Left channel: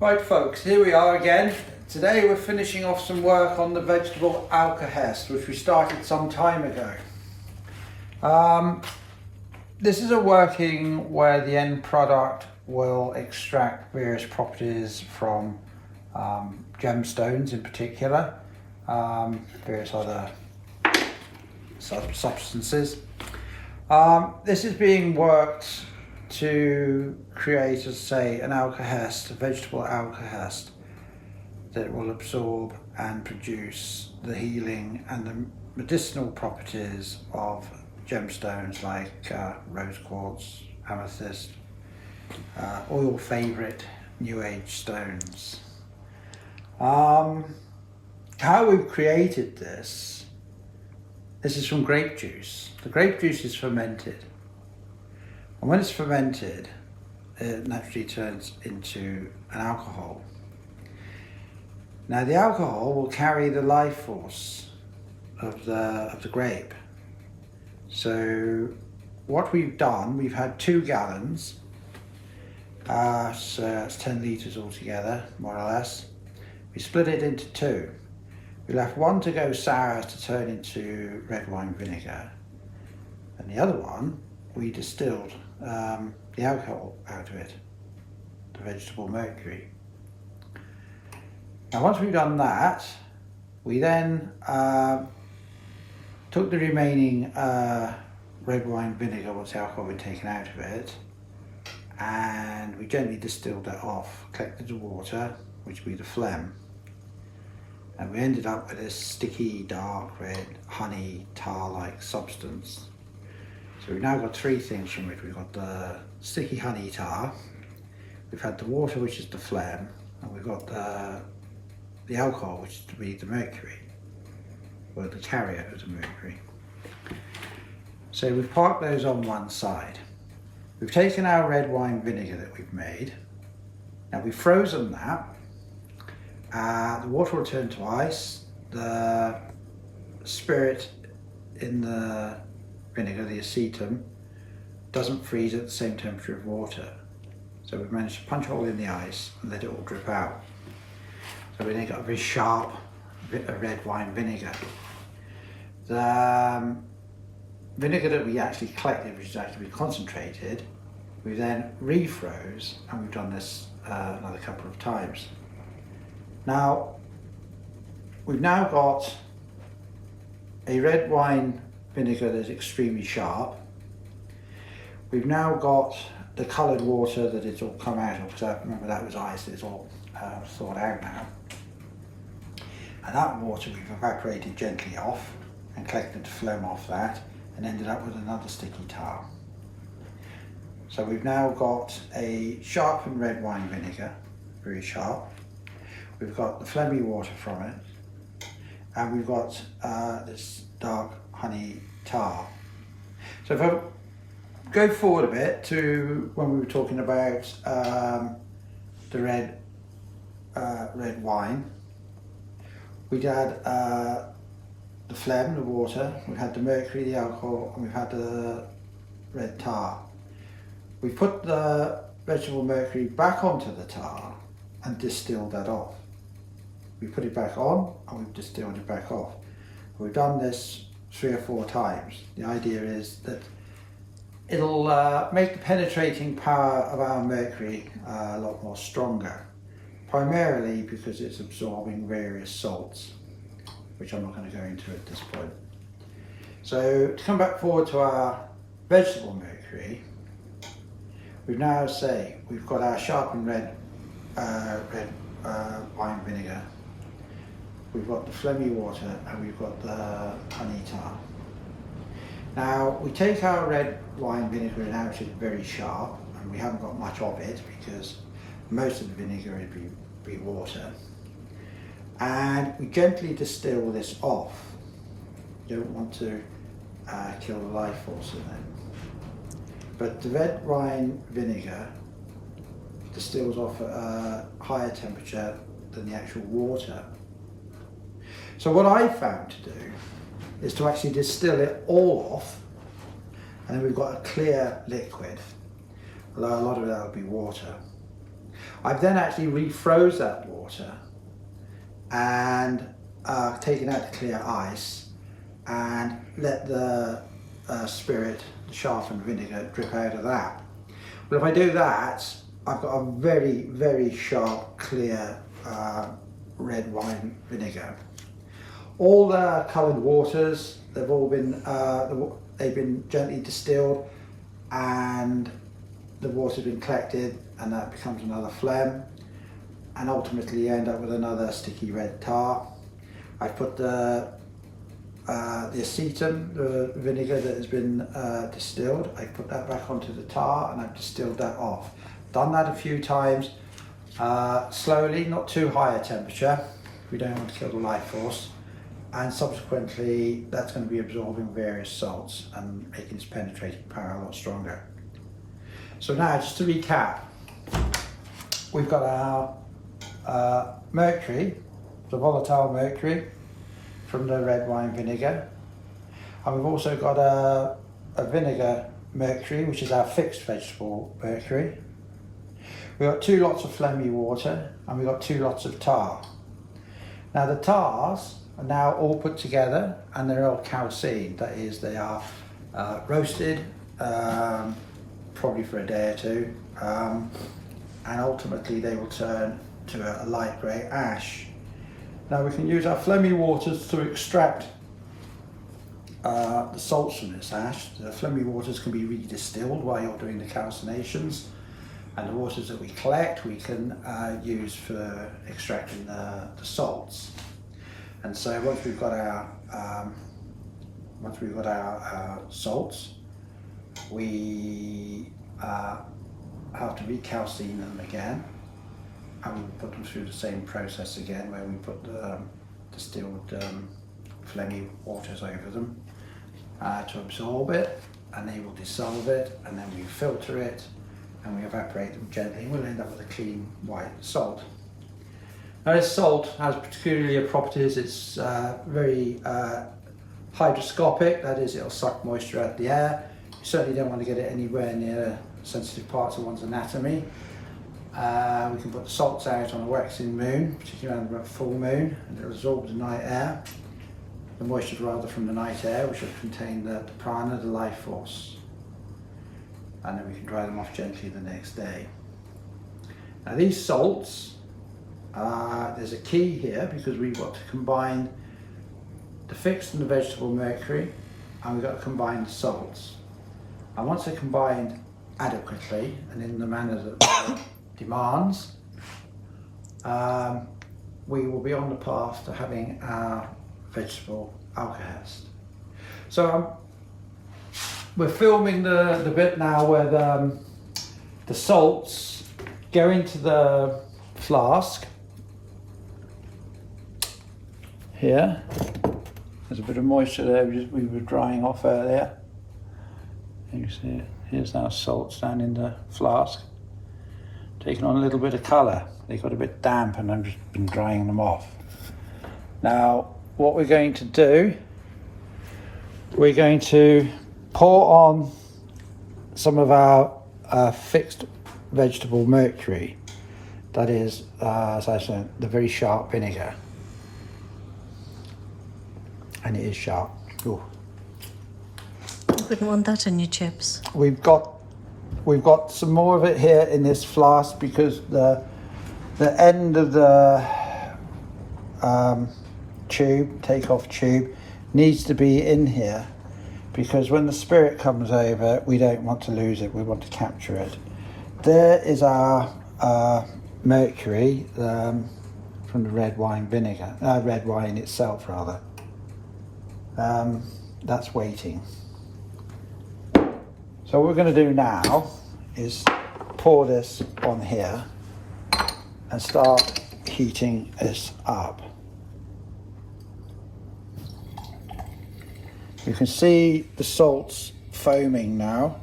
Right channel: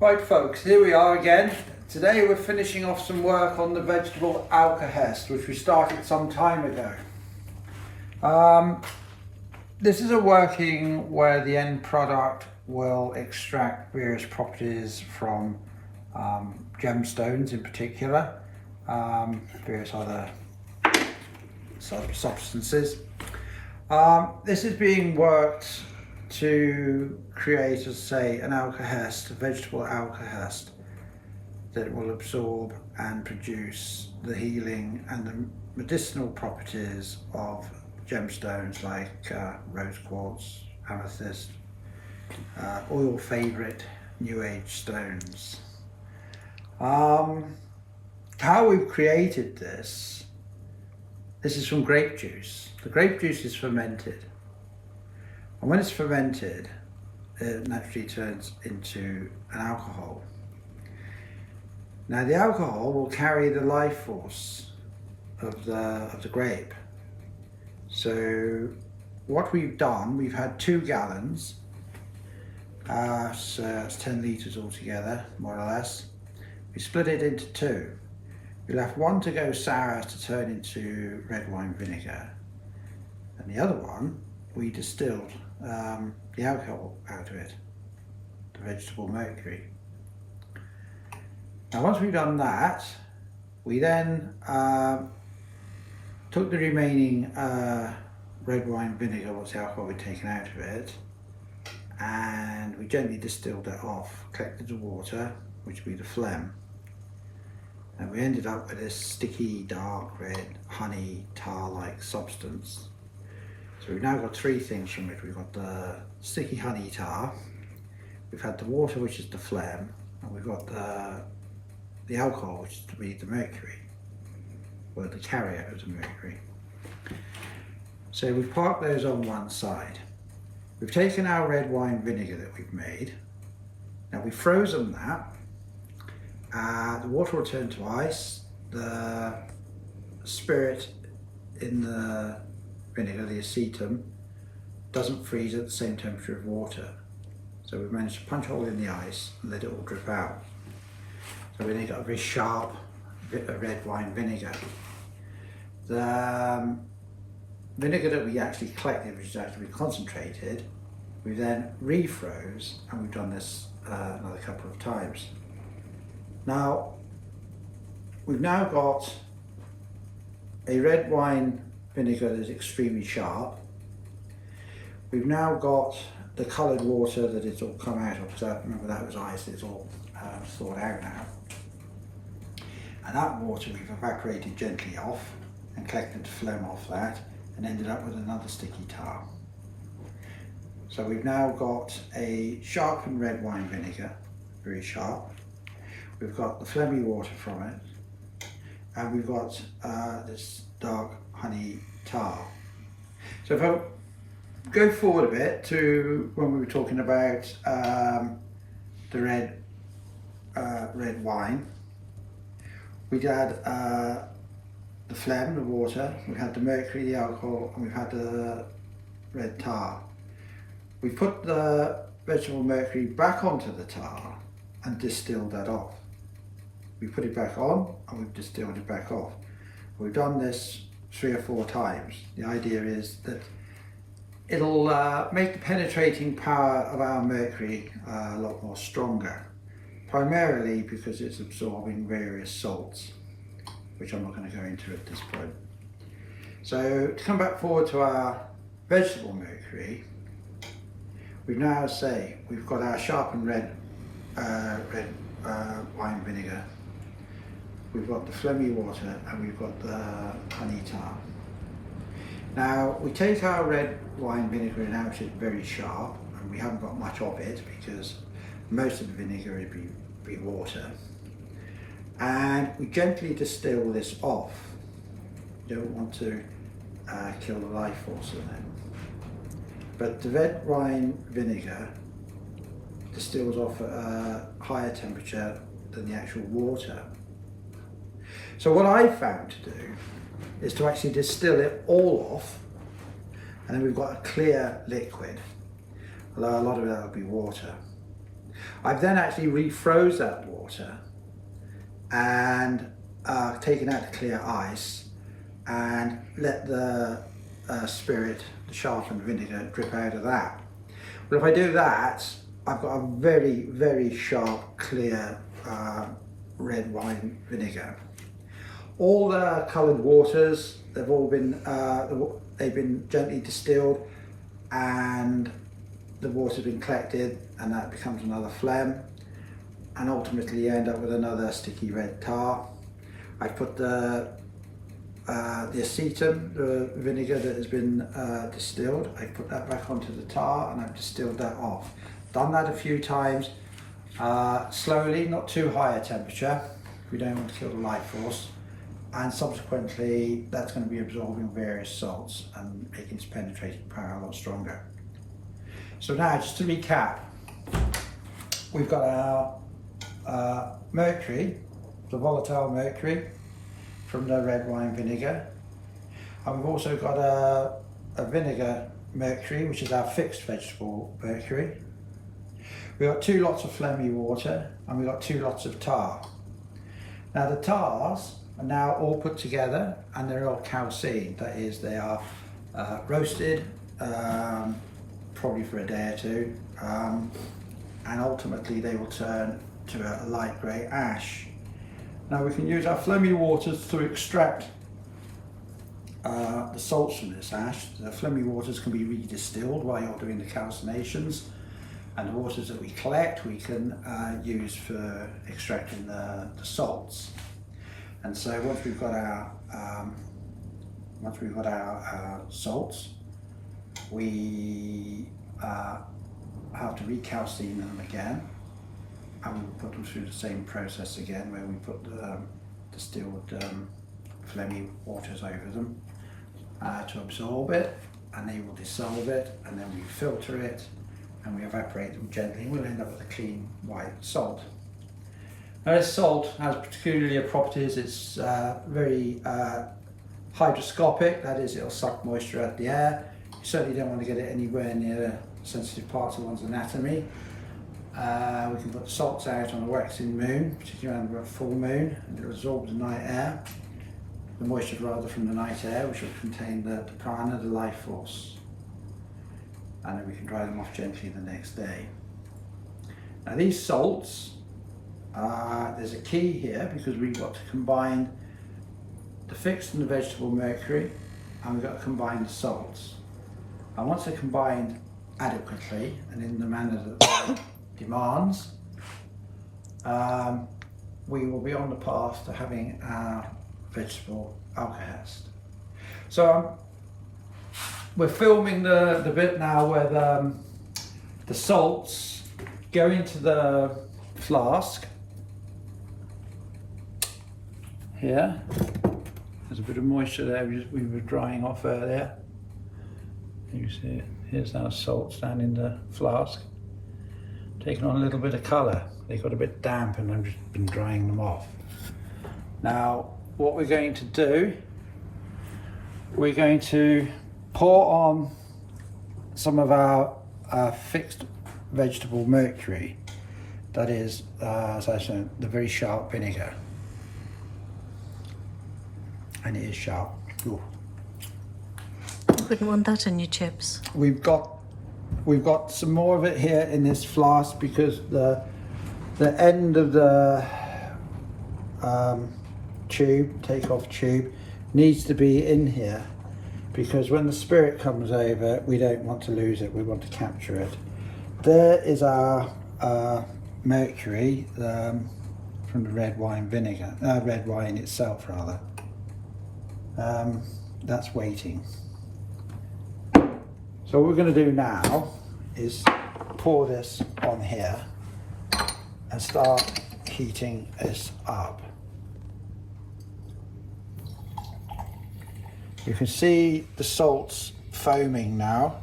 Right folks, here we are again. Today we're finishing off some work on the Vegetable Alkahest, which we started some time ago. This is a working where the end product will extract various properties from gemstones in particular, various other substances. This is being worked to create, as say, an alkahest, a vegetable alkahest, that will absorb and produce the healing and the medicinal properties of gemstones like rose quartz, amethyst, all your favourite New Age stones. How we've created this is from grape juice. The grape juice is fermented. And when it's fermented, it naturally turns into an alcohol. Now the alcohol will carry the life force of the grape. So what we've done, we've had 2 gallons, so that's 10 litres altogether, more or less. We split it into 2. We left one to go sour to turn into red wine vinegar, and the other one we distilled the alcohol out of it, the vegetable mercury. Now once we've done that, we then took the remaining red wine vinegar, what's the alcohol we'd taken out of it, and we gently distilled it off, collected the water, which would be the phlegm, and we ended up with this sticky, dark red, honey, tar-like substance. So we've now got 3 things from it. We've got the sticky honey tar, we've had the water, which is the phlegm, and we've got the alcohol, which is to be the mercury, or the carrier of the mercury. So we've parked those on one side. We've taken our red wine vinegar that we've made. Now we've frozen that. The water will turn to ice. The spirit in the vinegar, the acetum, doesn't freeze at the same temperature of water. So we've managed to punch a hole in the ice and let it all drip out. So we then got a very sharp bit of red wine vinegar. The vinegar that we actually collected, which is actually concentrated, we then refroze, and we've done this another couple of times. Now, we've now got a red wine vinegar that is extremely sharp. We've now got the coloured water that it's all come out of, because remember that was ice, it's all thawed out now. And that water we've evaporated gently off and collected the phlegm off that and ended up with another sticky tar. So we've now got a sharpened red wine vinegar, very sharp. We've got the phlegmy water from it, and we've got this dark honey tar. So if I go forward a bit to when we were talking about the red wine, we'd had the phlegm, the water, we've had the mercury, the alcohol, and we've had the red tar. We put the vegetable mercury back onto the tar and distilled that off. We put it back on and we've distilled it back off. We've done this 3 or 4 times. The idea is that it'll make the penetrating power of our mercury a lot more stronger, primarily because it's absorbing various salts, which I'm not going to go into at this point. So to come back forward to our vegetable mercury, we've now we've got our sharpened red wine vinegar, we've got the phlegmy water, and we've got the honey tar. Now we take our red wine vinegar, and now it's very sharp, and we haven't got much of it because most of the vinegar would be water, and we gently distill this off. You don't want to kill the life force in it. But the red wine vinegar distills off at a higher temperature than the actual water. So what I found to do is to actually distill it all off, and then we've got a clear liquid, although a lot of that will be water. I've then actually refroze that water and taken out the clear ice and let the spirit, the sharpened vinegar, drip out of that. Well, if I do that, I've got a very, very sharp, clear red wine vinegar. All the coloured waters, they've been gently distilled, and the water's been collected, and that becomes another phlegm, and ultimately you end up with another sticky red tar. I put the acetum, the vinegar that has been distilled, I put that back onto the tar and I've distilled that off. Done that a few times, slowly, not too high a temperature, we don't want to kill the life force, and subsequently that's going to be absorbing various salts and making its penetrating power a lot stronger. So now, just to recap, we've got our mercury, the volatile mercury from the red wine vinegar, and we've also got a vinegar mercury, which is our fixed vegetable mercury. We've got 2 lots of phlegmy water, and we've got 2 lots of tar. Now the tars are now all put together, and they're all calcined, that is, they are roasted, probably for a day or 2, and ultimately they will turn to a light grey ash. Now we can use our phlegmy waters to extract the salts from this ash. The phlegmy waters can be redistilled while you're doing the calcinations, and the waters that we collect we can use for extracting the salts. And so once we've got our salts, we have to recalcine them again, and we'll put them through the same process again, where we put the distilled phlegmy waters over them to absorb it, and they will dissolve it, and then we filter it and we evaporate them gently, and we'll end up with a clean white salt. Now this salt has peculiar properties. It's very hygroscopic, that is, it'll suck moisture out of the air. You certainly don't want to get it anywhere near sensitive parts of one's anatomy. We can put the salts out on a waxing moon, particularly under a full moon, and it'll absorb the night air, the moisture rather from the night air, which will contain the prana, the life force. And then we can dry them off gently the next day. Now these salts, there's a key here, because we've got to combine the fixed and the vegetable mercury, and we've got to combine the salts. And once they're combined adequately and in the manner that demands, we will be on the path to having our vegetable alkahest. So we're filming the bit now where the salts go into the flask. Here, there's a bit of moisture there we were drying off earlier. You can see it. Here's our salts down in the flask, taking on a little bit of colour. They got a bit damp, and I've just been drying them off. Now, what we're going to do, we're going to pour on some of our fixed vegetable mercury, that is, as I said, the very sharp vinegar. And it is sharp. Ooh. You wouldn't want that in your chips. We've got some more of it here in this flask, because the end of the take-off tube needs to be in here, because when the spirit comes over, we don't want to lose it, we want to capture it. There is our mercury from the red wine vinegar, red wine itself rather. That's waiting. So what we're going to do now is pour this on here and start heating this up. You can see the salts foaming now.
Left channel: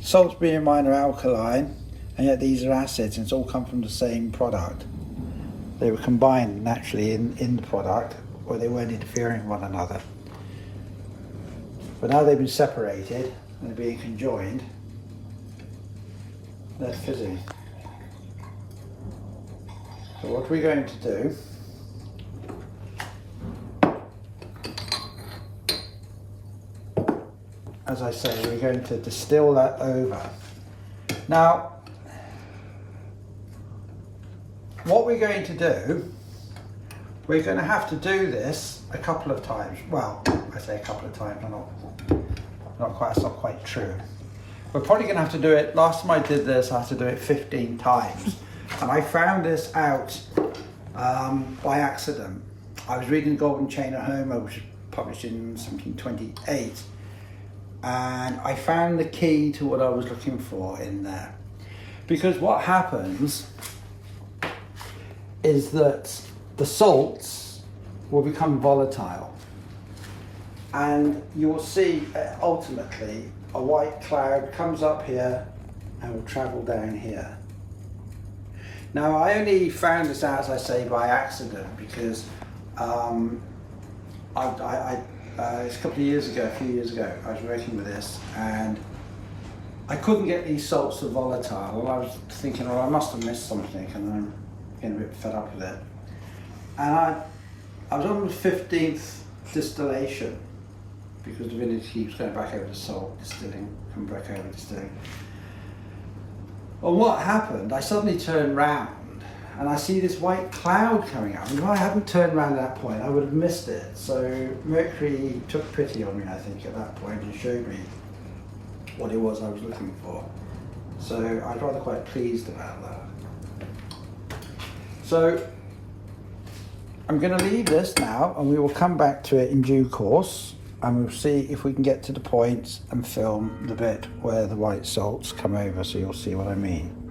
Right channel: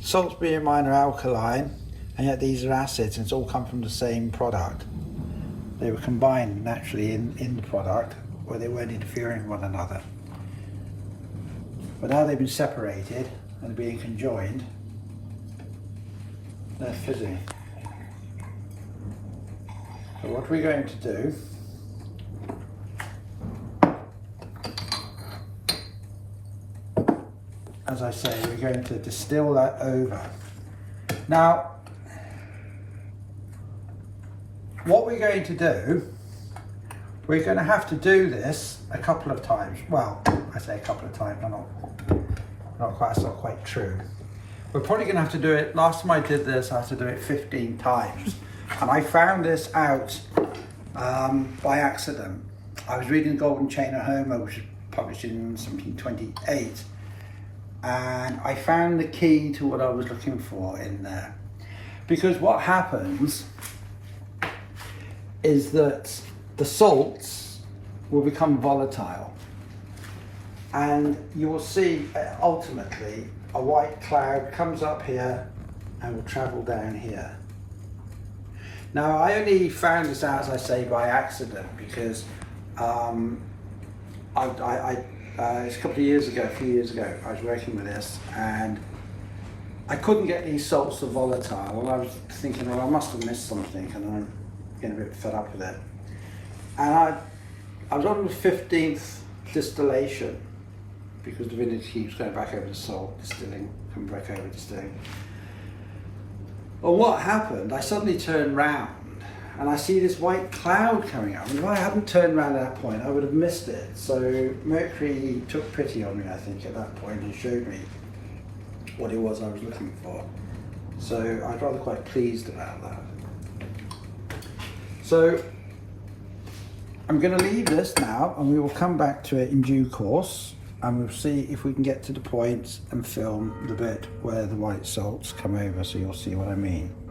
Salts, being in mind, are alkaline, and yet these are acids, and it's all come from the same product. They were combined naturally in the product, where they weren't interfering with one another. But now they've been separated and being conjoined, they're fizzy. So what we're going to do as I say, we're going to distill that over. Now, what we're going to do, we're going to have to do this a couple of times. Well, I say a couple of times, that's not quite true. We're probably going to have to do it, last time I did this, I had to do it 15 times. And I found this out by accident. I was reading The Golden Chain of Homer, which was published in 1728. And I found the key to what I was looking for in there. Because what happens is that the salts will become volatile. And you will see ultimately a white cloud comes up here and will travel down here. Now I only found this out, as I say, by accident, because it's a couple of years ago, a few years ago, I was working with this and I couldn't get these salts to volatile, and I was thinking, oh, I must have missed something, and I'm getting a bit fed up with it. And I was on the 15th distillation, because the vinegar keeps going back over the salt, distilling, coming back over distilling. Well, what happened, I suddenly turned round and I see this white cloud coming up. And if I hadn't turned around at that point, I would have missed it. So Mercury took pity on me, I think, at that point, and showed me what it was I was looking for. So I was rather quite pleased about that. So I'm going to leave this now, and we will come back to it in due course, and we'll see if we can get to the point and film the bit where the white salts come over, so you'll see what I mean.